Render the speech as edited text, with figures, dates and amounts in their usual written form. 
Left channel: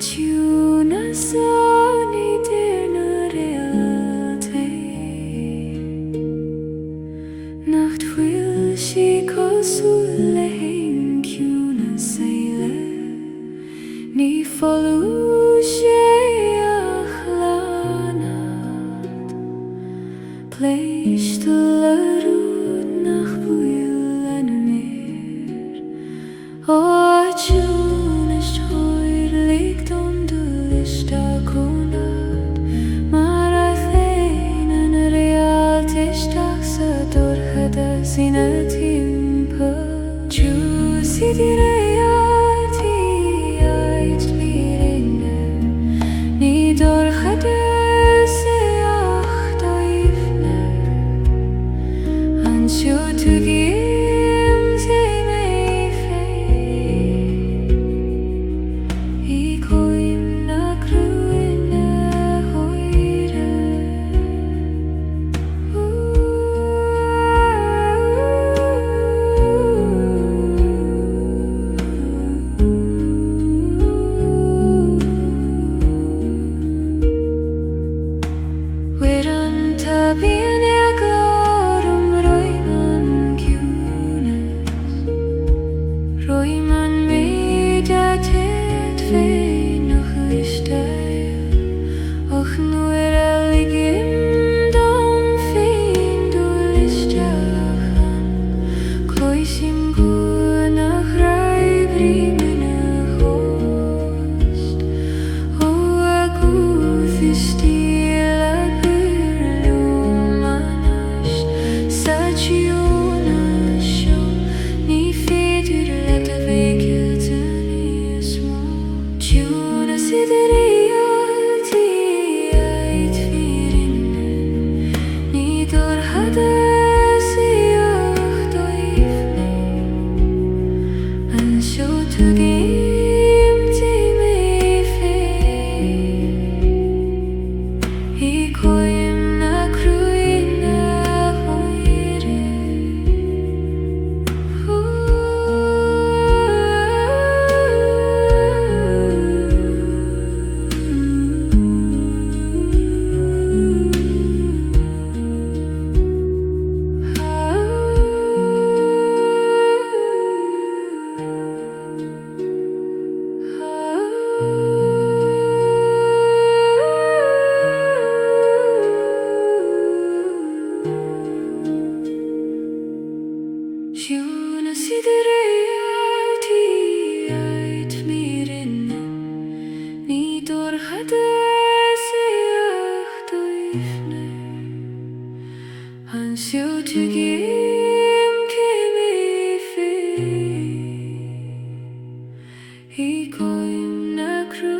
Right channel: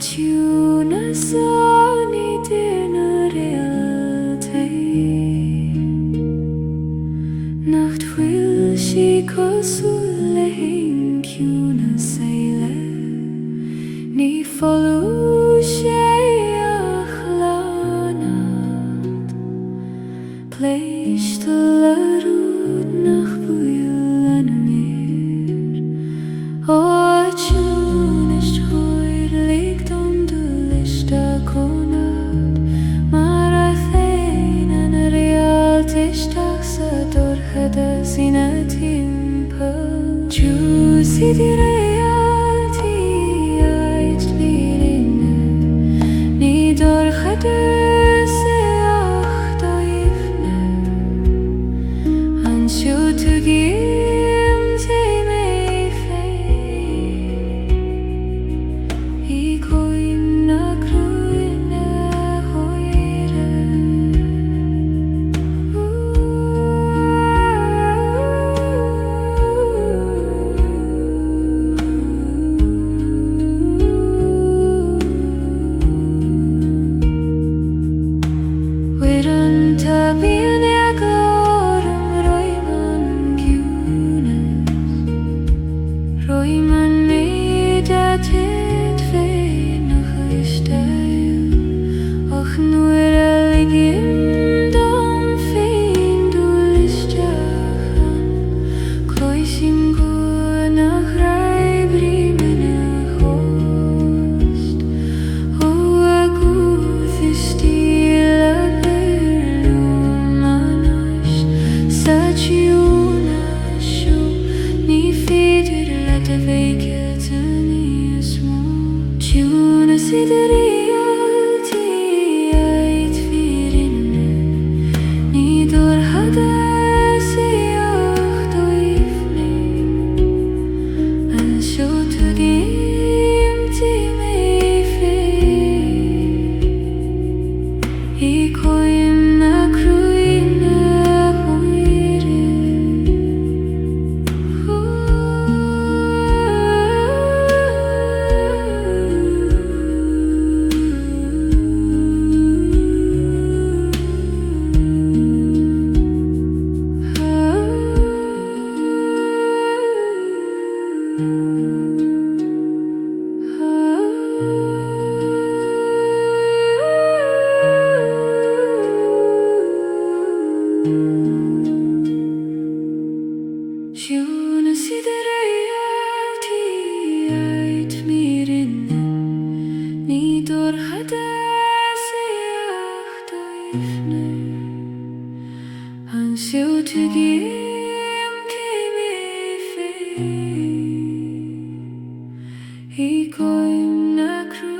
Ciúnas Idir Réaltaí Nacht bhfuil sí cosú le haon ciúnas éile Ní folú sé ach leanad Pléiste le rúd nach bhuail lena mér Ó ciúnas tóir ligdom dúliste conad Mar a féin an réaltaisteach sa dorchada sína timpeall Ciúnas Idir Réaltaí ait bhírinne Ní dorchada sa ach daifne Anseo tú gim sé mé I coim na cruin na hoire Wiran tabian glorum roiman ciúnas Roiman méideatit féin nach isteil Och nuair a ligim dom féin dúlisteachan Cloisim go nach raibrí mena host Ó a gúth is stíl a byrlúm anast Sa ciúnas seo Ní féidir le a bhéiciad níos mó Ciúnas Idir Réaltaí ait bhírinne Ní dorchada sa ach daifne Anseo tú gim tí mé I coim na cruin na hoire Ciúnas Idir Réaltaí ait bhírinne Ní dorchada sa ach daifne Anseo tú gim cé mé I coim na cruin